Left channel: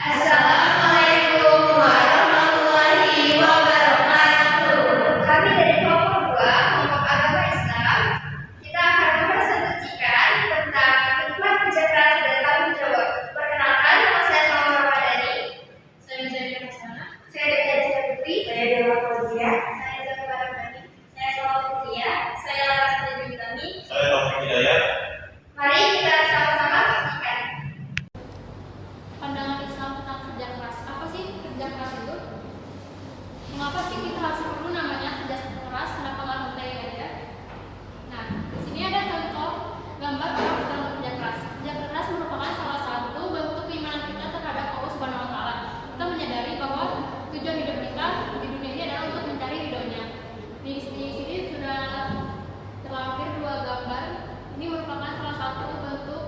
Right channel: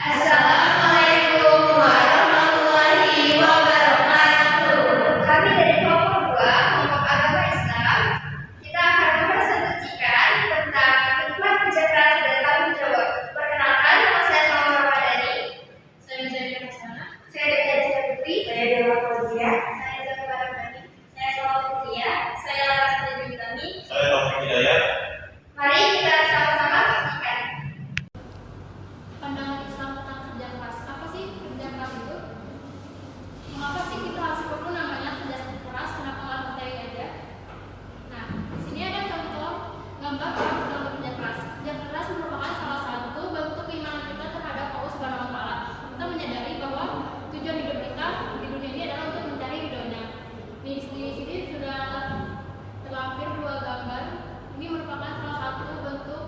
Assalamualaikum warahmatullahi wabarakatuh. Kami dari kelompok 2, kelompok agama Islam, kita akan mempresentasikan tentang hikmah kerja keras dan tanggung jawab. Perkenalkan, nama saya Salma Ramadhani. Saya Zaida Hasanah. Saya Dede Putri. Saya Dewa Fauzia. Saya Zafar Rahmani. Saya Salma Putria. Saya Laras Dewi Utami. Saya Taufik Hidayat. Mari kita sama-sama saksikan. Pandangan Islam tentang kerja keras. Apa sih kerja keras itu? Mengapa sih kita harus perlu namanya kerja keras? Kenapa nggak santai aja? Nah, di sini ada contoh gambar orang sedang bekerja keras. Kerja keras merupakan salah satu bentuk keimanan kita terhadap Allah Subhanahu Wa Taala. Kita menyadari bahwa tujuan hidup kita di dunia ini adalah untuk mencari ridhonya. Di sini sudah terlampir dua gambar. Ini merupakan salah satu bentuk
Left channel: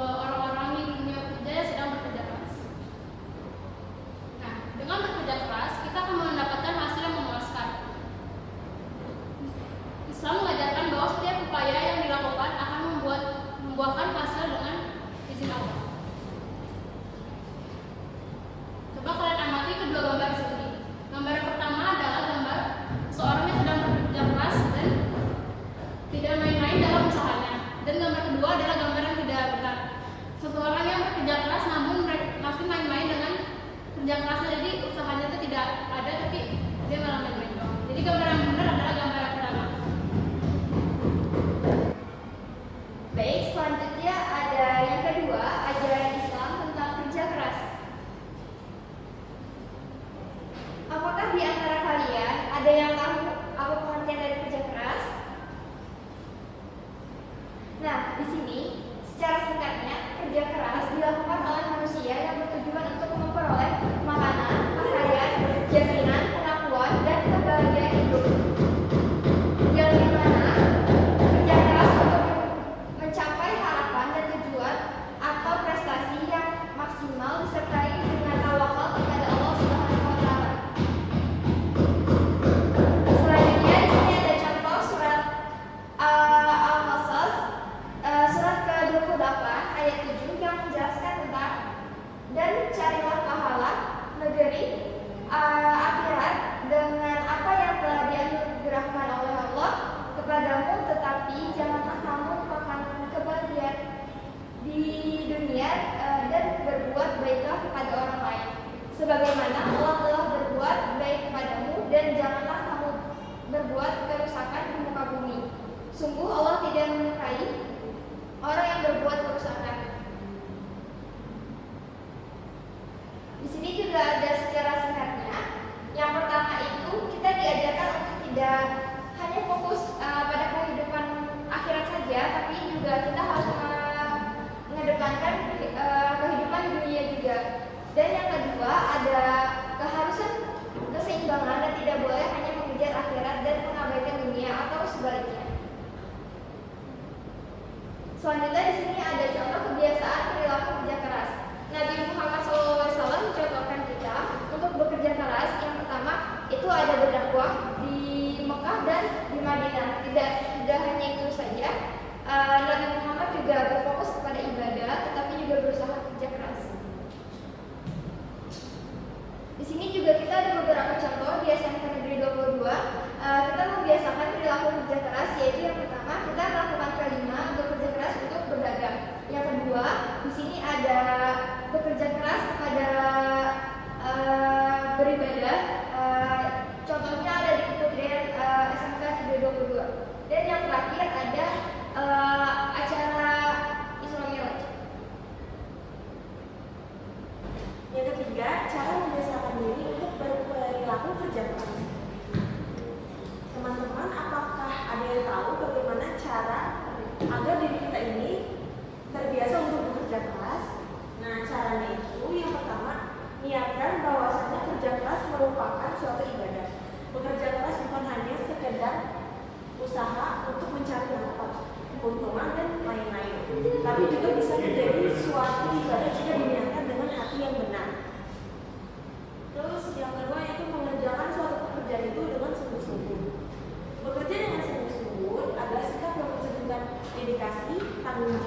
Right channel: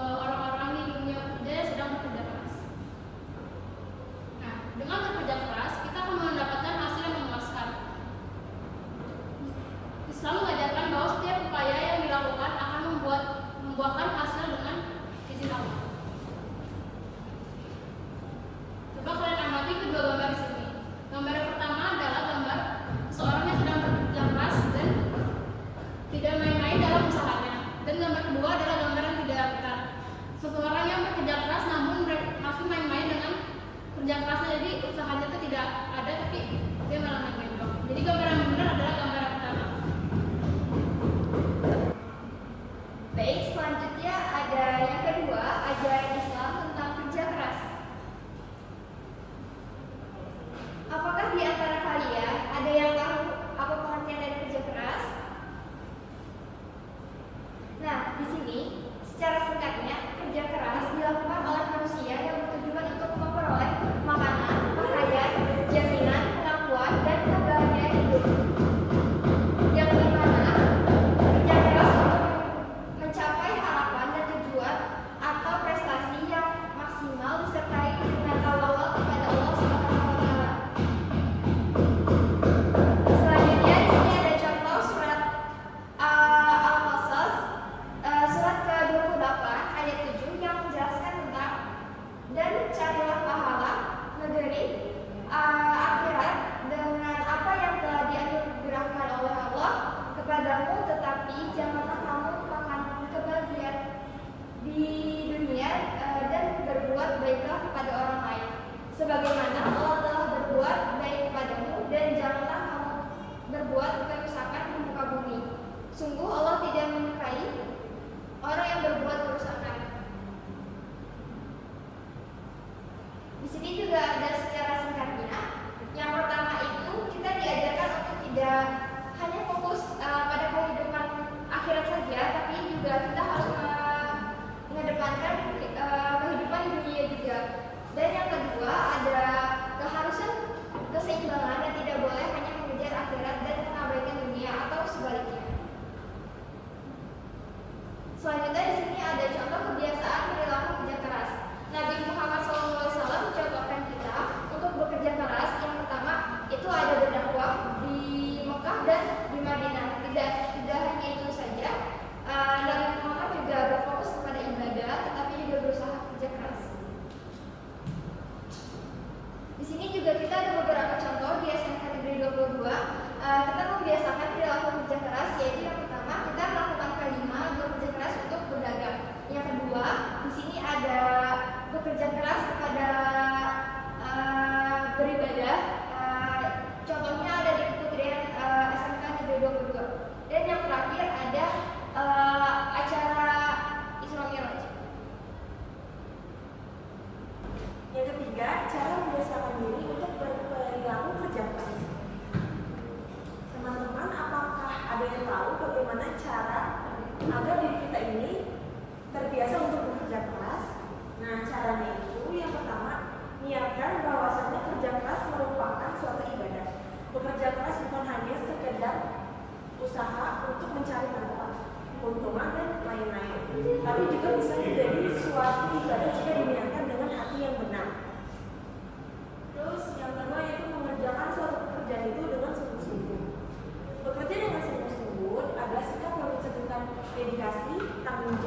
orang-orang di dunia kerja yang sedang bekerja keras. Nah, dengan bekerja keras, kita akan mendapatkan hasil yang memuaskan. Islam mengajarkan bahwa setiap upaya yang dilakukan akan membuahkan hasil dengan izin Allah. Coba kalian amati kedua gambar di sini. Gambar yang pertama adalah gambar seorang yang sedang bekerja keras dan tidak main-main dalam usahanya. Dan gambar kedua adalah gambar yang tidak benar. Seseorang yang bekerja keras namun masih main-main dengan kerja kerasnya, jadi usahanya itu tidak ada tapi dia malah main-main dong. Jadi gambar yang benar adalah gambar yang pertama. Baik, selanjutnya ada yang kedua, ajaran Islam tentang kerja keras. Apakah di antara kalian ada yang tahu apa pengertian dari kerja keras? Nah, di sini secara singkatnya, kerja keras dilakukan oleh manusia yang bertujuan untuk memperoleh makanan, pakaian, jaminan, pengakuan, dan kebahagiaan hidup. Yang dimana kerja keras untuk mencapai harapan dan tujuan atau prestasi yang maksimal disertai dengan tawakal kepada Allah Subhanahu wa Ta'ala. Selanjutnya di sini ada contoh surat Al-Qasas surat ke-28 ayat 7 yang menjelaskan tentang dan carilah pahala negeri akhirat dengan apa yang telah dianugerahkan oleh Allah kepadamu, tetapi janganlah kamu melupakan kebahagiaan di dunia dan berbuat baiklah kepada orang lain sebagaimana Allah telah berbuat baik kepadamu, dan janganlah kamu berbuat kerusakan di muka bumi. Sungguh Allah tidak menyukai orang yang berbuat kerusakan. Di sini juga ada secara singkatnya. Yang pertama itu kita diajarkan untuk tidak hanya fokus pada kehidupan akhirat saja, tapi juga kita harus mengedepankan kehidupan dunia juga. Dan yang kedua ada keharusan keseimbangan dan tidak boleh hanya mengejar akhirat dan mengabaikan dunia atau sebaliknya. Selanjutnya di sini ada contoh kebiasaan perilaku kerja keras. Nabi Muhammad SAW mencontohkan kita untuk bekerja keras. Yang pertama itu ada berdakwah di Mekah dan di Madinah. Tidak hanya itu saja, Nabi Muhammad juga berfokus kepada ibadah, tetapi juga berusaha kerja keras. Di sini juga kita ada beberapa contoh di SMK Negeri 22. Kita membiasakan perilaku kerja keras, yaitu yang pertama kita melakukan kelima bekerja keras untuk berdagang. Yang kedua, di sini ada bekerja keras kepada beribadah. Contohnya ada di Keputrian SMK Negeri 22. Dan yang terakhir ada acara Isra Mi'raj. Yang ketiga, cara membiasakan diri untuk berperilaku kerja keras. Teman-teman, apakah ada yang tahu bagaimana cara agar diri kita ini terbiasa untuk bekerja keras? Nah, caranya itu yang pertama, niatkan bahwasanya kerja keras merupakan suatu ibadah. Bekerja keras bukan hanya sekedar usaha untuk mencari manfaat, keuntungan dan lain-lain, tapi juga bisa menjadi suatu ibadah jika diniatkan dengan hati yang benar. Terus yang kedua yaitu mengerjakan suatu pekerjaan itu dengan sungguh-sungguh. Bekerja dengan sungguh-sungguh adalah sikap yang menunjukkan dedikasi, tanggung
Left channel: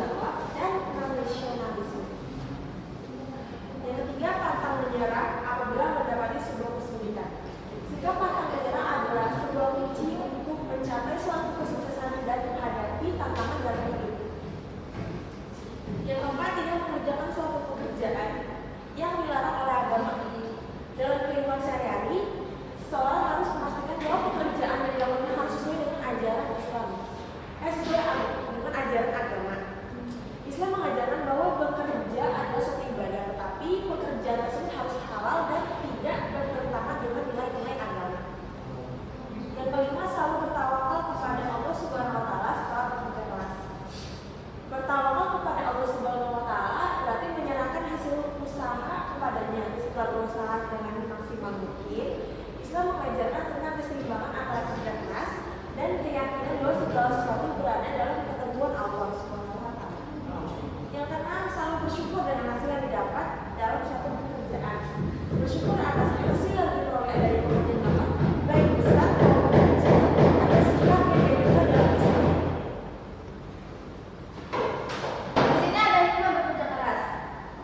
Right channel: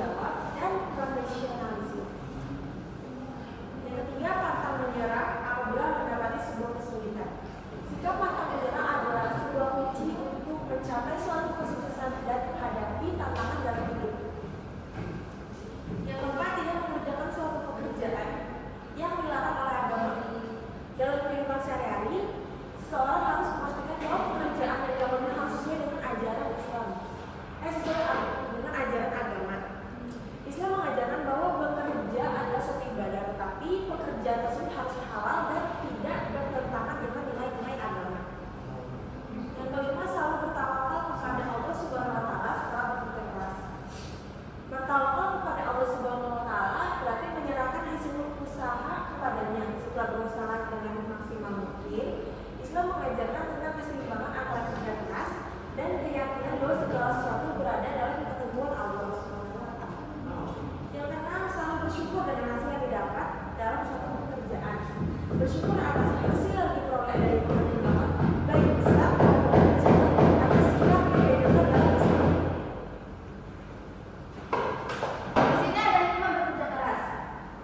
Jika pantang menyerah adalah sebuah kunci untuk mencapai suatu kesuksesan dan menghadapi tantangan dalam hidup. Yang keempat, tidak mengerjakan suatu pekerjaan yang dilarang oleh agama. Dalam kehidupan sehari-hari, seseorang harus memastikan bahwa pekerjaan yang dilakukannya harus sesuai dengan ajaran Islam. Dengan ajaran agama. Islam mengajarkan bahwa bekerja adalah suatu ibadah, tetapi pekerjaan tersebut harus halal dan tidak bertentangan dengan nilai-nilai agama. Yang kelima, selalu bertawakal kepada Allah Subhanahu wa taala setelah bekerja keras. Bertawakal kepada Allah Subhanahu wa taala berarti menyerahkan hasil usaha kepadanya. Setelah berusaha dengan maksimal mungkin, Islam mengajarkan tentang keseimbangan antara kerja keras dan keyakinan bahwa segala sesuatu berada dalam ketentuan Allah Subhanahu wa taala. Yang keenam, selalu bersyukur dengan hasil yang didapat dalam suatu pekerjaan. Bersyukur atas hasil yang diperoleh dari pekerjaan, baik besar maupun kecil, atas sikap yang dilakukan dalam Islam. Di sini ada hikmah bekerja keras.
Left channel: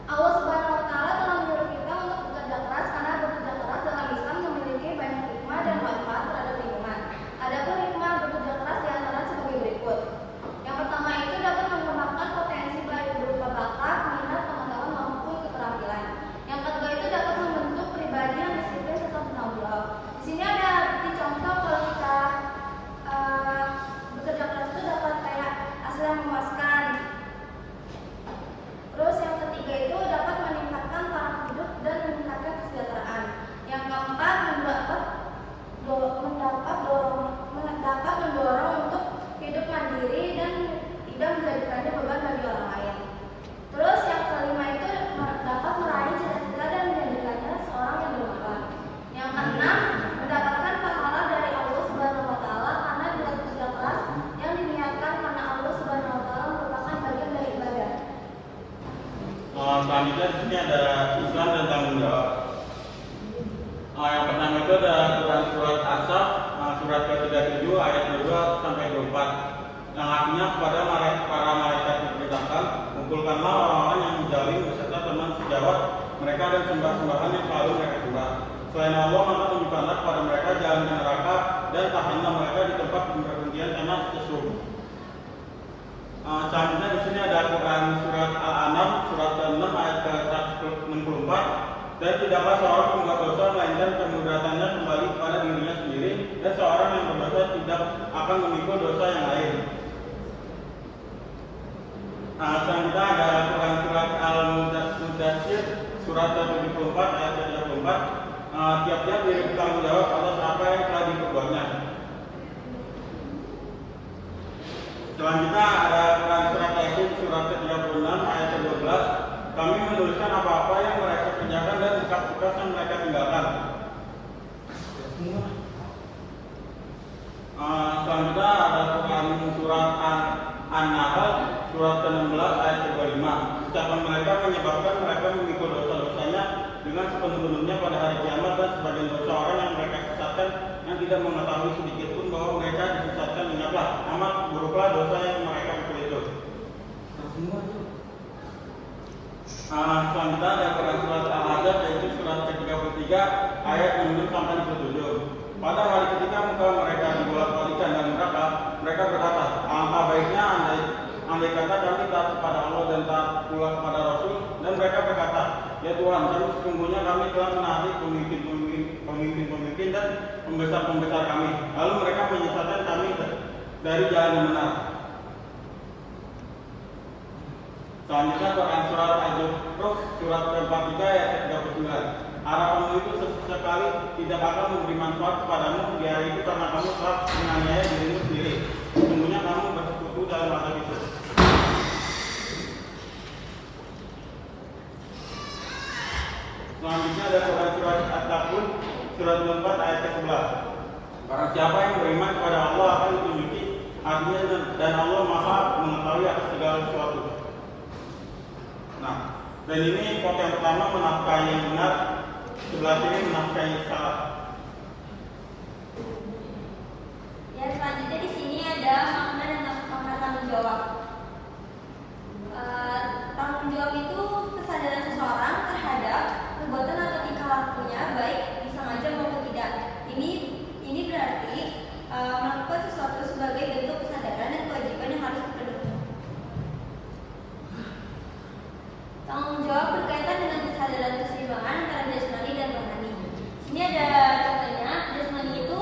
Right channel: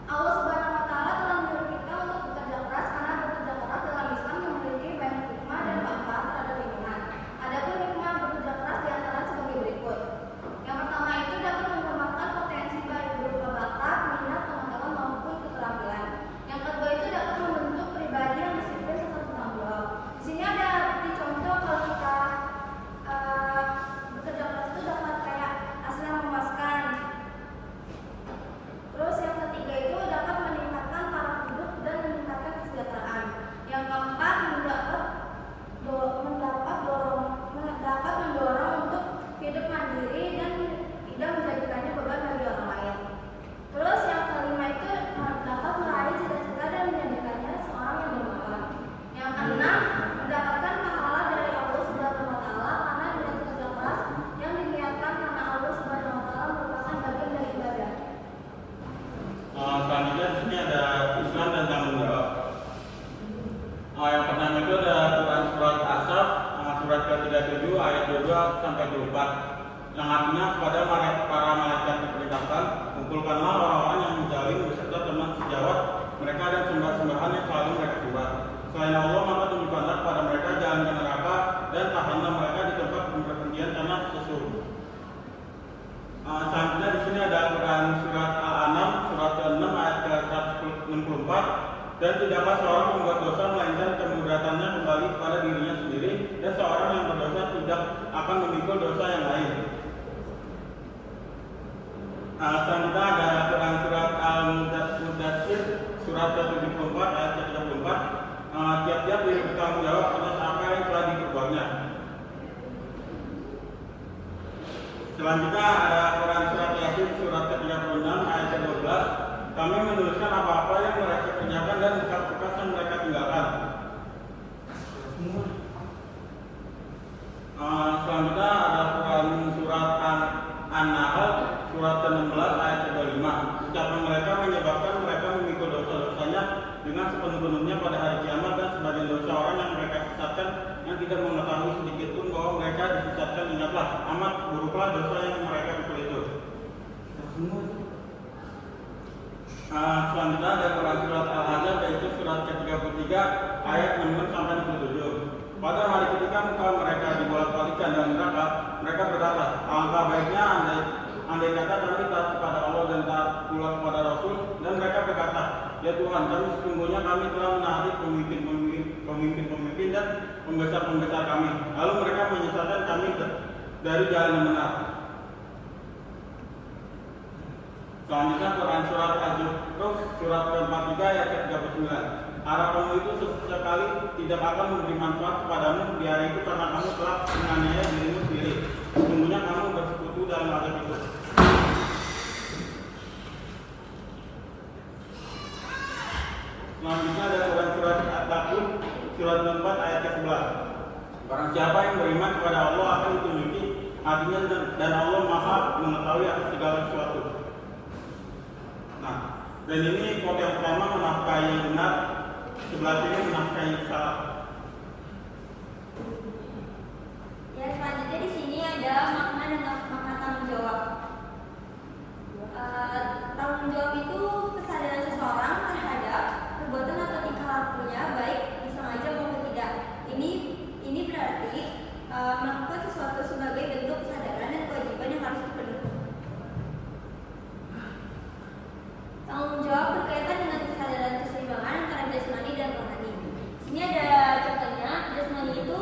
Allah Subhanahu wa taala telah menyuruh kita untuk bekerja keras karena bekerja keras dalam Islam memiliki banyak hikmah dan manfaat terhadap lingkungan. Adapun hikmah bekerja keras diantara sebagai berikut. Yang pertama itu dapat mengembangkan potensi baik berupa bakat, minat, pengetahuan maupun keterampilan. Yang kedua itu dapat membentuk pribadi yang disiplin serta bertanggung jawab. Di sini ada contoh kalau kita bekerja keras itu dapat kayak hasil yang memuaskan. Terus yang ketiga itu dapat meningkatkan taraf hidup dan meningkatkan kesejahteraan. Yang keempat dapat mendorong untuk hidup mandiri dan tidak menjadikannya beban bagi orang lain. Terus yang kelima itu dapat meraih cita-cita dan menjadikannya seorang yang bermanfaat. Yang keenam, mendapatkan pahala dari Allah Subhanahu wa taala karena dengan kerja keras yang diniatkan karena Allah Subhanahu wa taala merupakan bagian dari ibadah. Selanjutnya di sini ada Islam dan tanggung jawab. Yang pertama itu ada Quran surat As-Saff, surat ke-37 ayat 22 sampai 24, yang artinya kepada para malaikat diperintahkan, kumpulkanlah orang-orang yang menjalin beserta teman sejawat mereka dan sembah-sembahan yang selalu mereka sembah. Selain Allah, maka tunjukkanlah kepada mereka jalan ke neraka dan tahanlah mereka di tempat pemberhentian karena sesuatu. Selanjutnya di sini ada Quran surat Al-An'am surat ke-6 ayat ke-164, dan tidaklah seorang membuat dosa melainkan kemudaratannya kembali kepada dirinya sendiri, dan seorang yang berdosa tidak akan memikul dosa yang lain. Selanjutnya ada Quran surat Al-Mudaththir surat ke-74 ayat ke-34, tiap-tiap diri bertanggung jawab atas apa yang telah diperbuatnya. Selanjutnya ada Quran surat Yasin surat ke-36 ayat ke-12, kami menuliskan apa-apa yang mereka kerjakan dan bekas-bekas yang mereka tinggalkan. Selanjutnya ada Quran surat An-Nahl surat ke-16 ayat ke-25, ucapan mereka menyebabkan mereka memikul dosa-dosanya dengan sepenuh-penuhnya pada hari kiamat, dan sebagian dosa orang yang mereka sesatkan yang tidak mengetahui sedikit pun bahwa mereka disesatkan, ingatlah amat buruklah dosa yang mereka pikul itu. Selanjutnya ada Quran surat Al-Ahzab yaitu surat ke-33 ayat 6 sampai 67. Pada hari ketika muka mereka dibolak-balikan dan neraka, mereka berkata, alangkah baiknya andai kata kami taat kepada Allah dan taat pula kepada Rasul. Dan mereka berkata, ya Tuhan, kami sesungguhnya kami telah menarik pemimpin dan pembesar-pembesar kami, lalu mereka menyesatkan kami dari jalan yang benar. Selanjutnya Quran surat Az-Zukhruf surat ke-43 ayat ke-39. Harapanmu itu sekali tidak akan memberi manfaat kepadamu di hari itu karena kamu telah menganiaya dirimu sendiri. Sesungguhnya kamu bersekutu dalam azab itu. Selanjutnya ada Quran surat At-Takwun surat 4 ayat ke-11. Barang siapa yang beriman kepada Allah akan ditunjuki hatinya, dan Allah Maha mengetahui atas segala sesuatu. Nah, dan ini quote yang pertama menafkahi yang benar, sebelah sini menafkahi salah. Yang selanjutnya di sini ada makna dan makna tanggung jawab. Tanggung jawab itu kesadaran seseorang terhadap perbuatan atau tingkah lakunya, baik disengaja maupun tidak. Ini berkaitan dengan kesadaran keseimbangan antara jasmani dan rohani. Sini ada contohnya, jasmani itu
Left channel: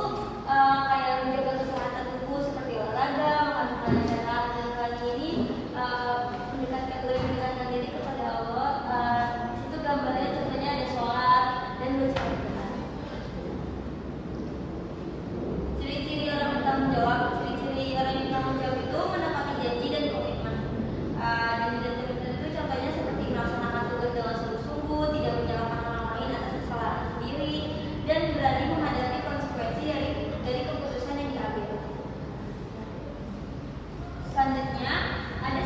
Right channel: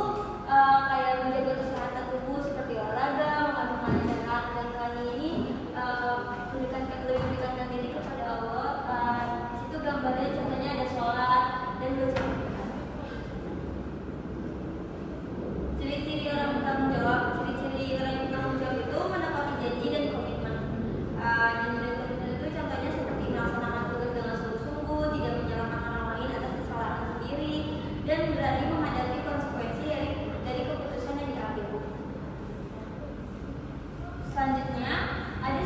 kayak menjaga kesehatan tubuh seperti olahraga, makan makanan sehat, dan rohani ini lebih mendekatkan diri kepada Allah. Itu gambarnya contohnya ada sholat dan berzikir. Ciri-ciri orang bertanggung jawab, ciri-ciri orang yang bertanggung jawab itu menepati janji dan komitmen. Janji dan komitmen itu contohnya seperti melaksanakan tugas dengan sungguh-sungguh, tidak menyalahkan orang lain atas kesalahan sendiri, dan berani menghadapi konsekuensi dari keputusan yang diambil. Selanjutnya ada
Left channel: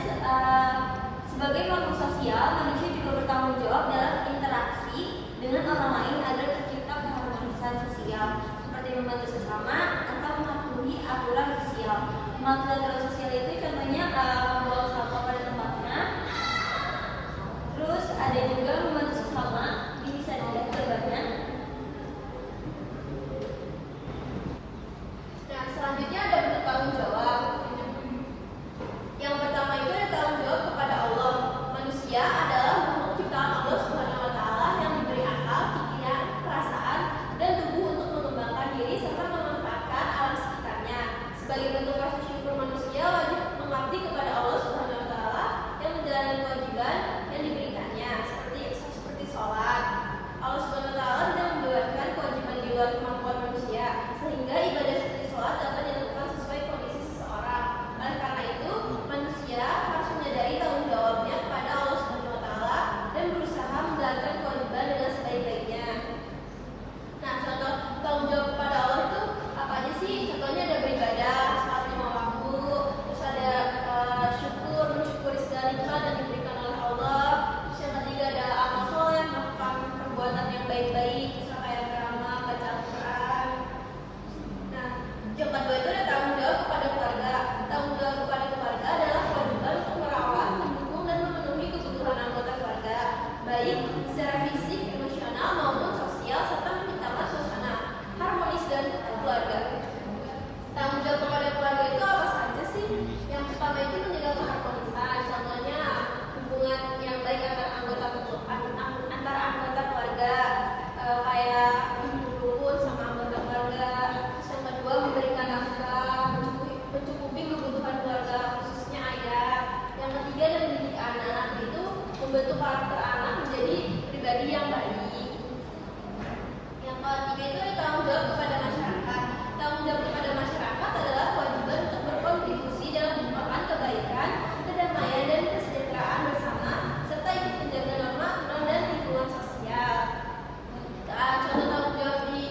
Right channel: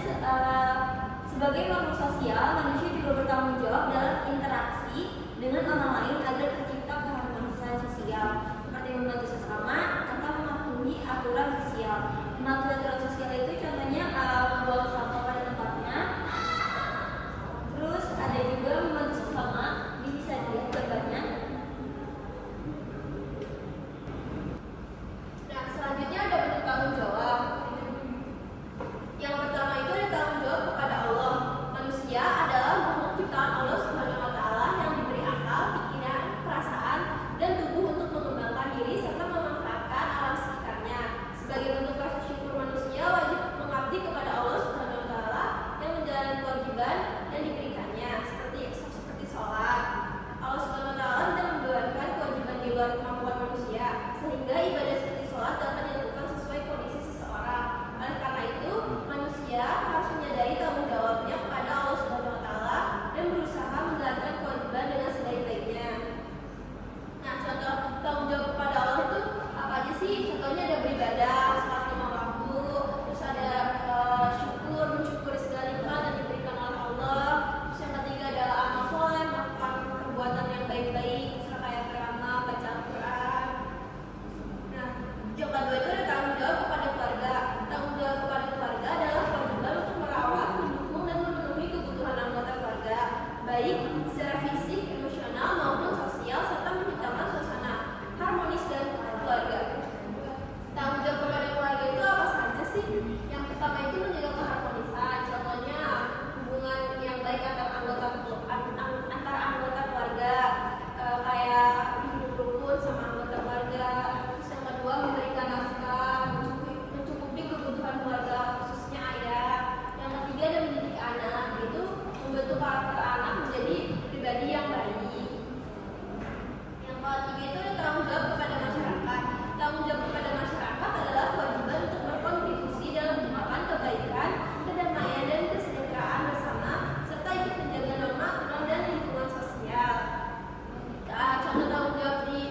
sebagai makhluk sosial, manusia juga bertanggung jawab dalam interaksi dengan orang lain agar tercipta keharmonisan sosial, seperti membantu sesama atau mematuhi aturan sosial. Mematuhi aturan sosial itu contohnya membuang sampah pada tempatnya. Terus ada juga membantu sesama, bisa dilihat gambarnya. Nah, selanjutnya ada bentuk tanggung jawab. Yang pertama itu ada tanggung jawab kepada Allah. Manusia adalah makhluk ciptaan Allah Subhanahu wa taala yang diberi akal, pikiran, perasaan, dan tubuh untuk mengembangkan diri serta memanfaatkan alam sekitarnya. Sebagai bentuk rasa syukur, manusia wajib mengabdi kepada Allah Subhanahu wa taala yang menjalani kewajiban yang diberikannya, seperti sholat. Allah Subhanahu wa taala tidak membebankan kewajiban di luar kemampuan manusia, sehingga ibadah seperti sholat dapat dilakukan sesuai kondisi seseorang. Oleh karena itu, manusia harus menyadari tanggung jawabnya kepada Allah Subhanahu wa taala dan berusaha menjalankan kewajiban dengan sebaik-baiknya. Nah, contoh tanggung jawab kepada Allah itu apa aja sih? Contohnya ada beribadah, salat lima waktu, terus ada mensyukuri segala nikmat yang diberikan oleh Allah. Terus yang ketiga adalah amal soleh, melakukan perbuatan yang baik-baik, misalnya kayak beramal, baca Al-Quran. Nah, yang kedua itu ada tanggung jawab kepada keluarga. Tanggung jawab kepada keluarga adalah kewajiban untuk merawat, mendukung, dan memenuhi kebutuhan anggota keluarga, baik secara fisik, emosional, maupun sosial, serta menciptakan suasana harmonis dan keluarga. Tanggung jawab kepada keluarga itu apa saja sih? Yang pertama itu menjaga keharmonisan, contohnya hubungan yang baik antara anggota keluarga, kayak rukun sama anggota keluarga. Terus yang kedua memberikan nafkah, mencukupi kebutuhan keluarga, khususnya ayah. Yang ketiga dan mendidik anak, yaitu membentuk karakter anak menjadi pribadi yang baik. Yang ketiga itu tanggung jawab kepada masyarakat. Tanggung jawab kepada masyarakat adalah kewajiban untuk berkontribusi dalam menciptakan kebaikan, kedamaian, dan kesejahteraan bersama, serta ikut menjaga norma aturan dan lingkungan sosial. Contoh tanggung jawab di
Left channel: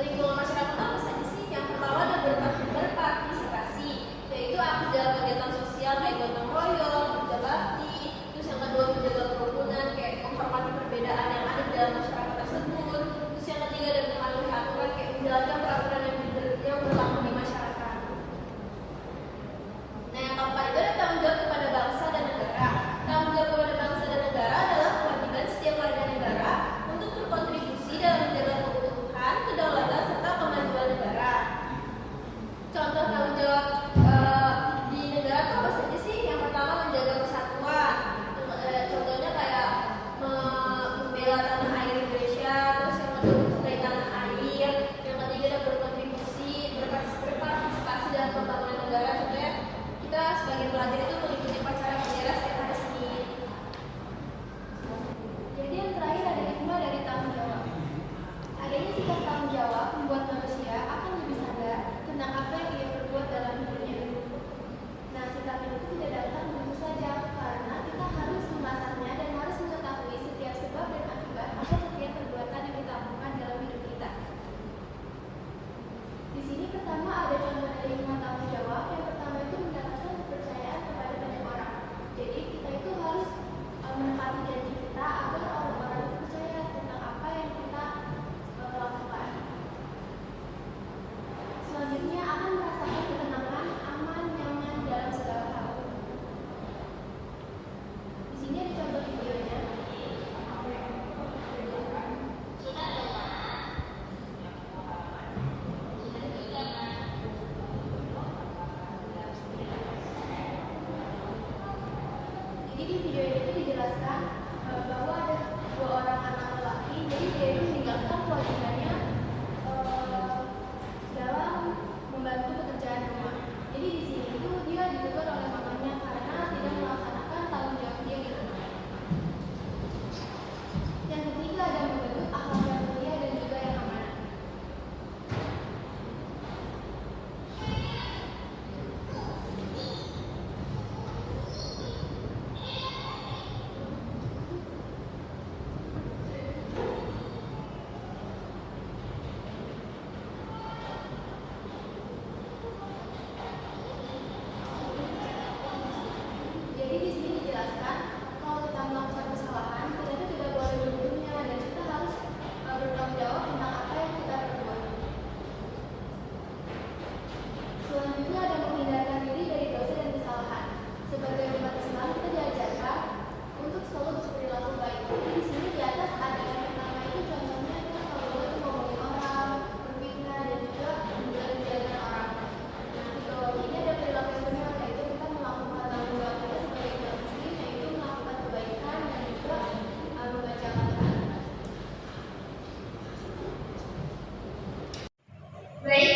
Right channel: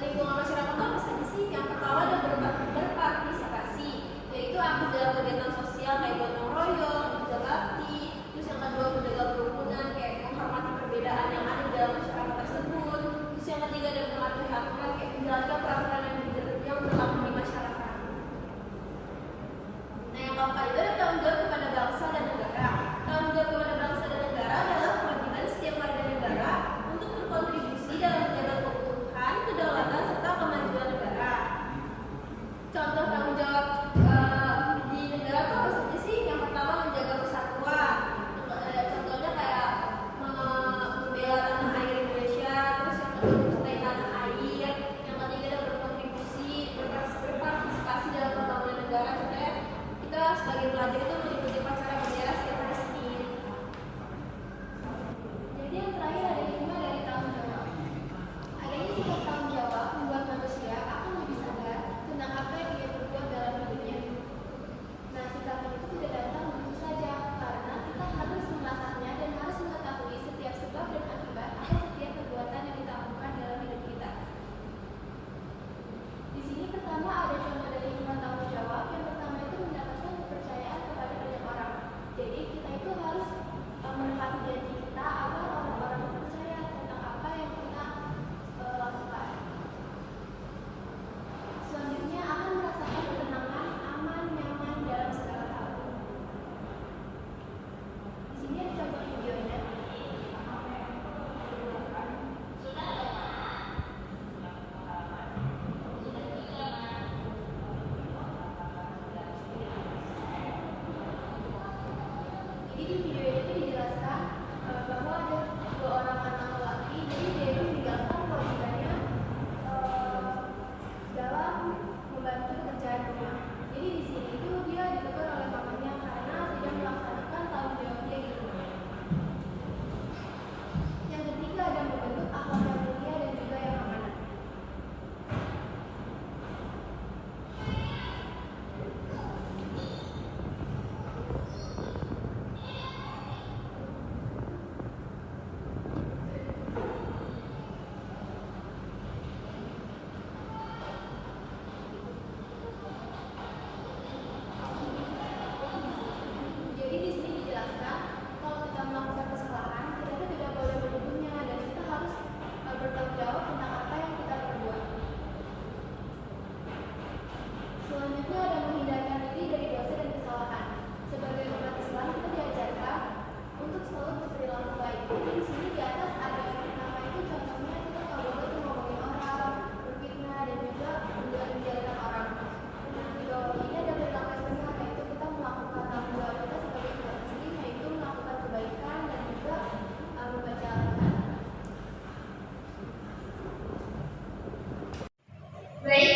lingkungan masyarakat apa saja sih? Yang pertama ada berpartisipasi, yaitu aktif dalam kegiatan sosial kayak gotong royong, kerja bakti. Terus yang kedua menjaga kerukunan, kayak menghormati perbedaan yang ada di dalam masyarakat tersebut. Terus yang ketiga ada mematuhi aturan, kayak menjalankan peraturan yang berlaku di masyarakat. Nah, yang keempat itu ada tanggung jawab kepada bangsa dan negara. Tanggung jawab kepada bangsa dan negara adalah kewajiban setiap warga negara untuk berkontribusi dalam menjaga keutuhan, kedaulatan, serta kemajuan negara. Contoh tanggung jawab di negara itu apa saja sih? Yang pertama menjaga persatuan. Contohnya kayak membela tanah air Indonesia. Terus yang kedua mencintai tanah air. Yang ketiga ada sini di atas ada yang pertama itu contohnya itu kalau itu ngomongin orang, berfitnah dan juga menjelek-jelekan orang. Nah, kalau ini ada perilaku yang benar, yaitu kita melakukan tanggung jawab kita sebagai umat muslim, yaitu melakukan kebaikan dan juga membaca Al-Quran. Baik,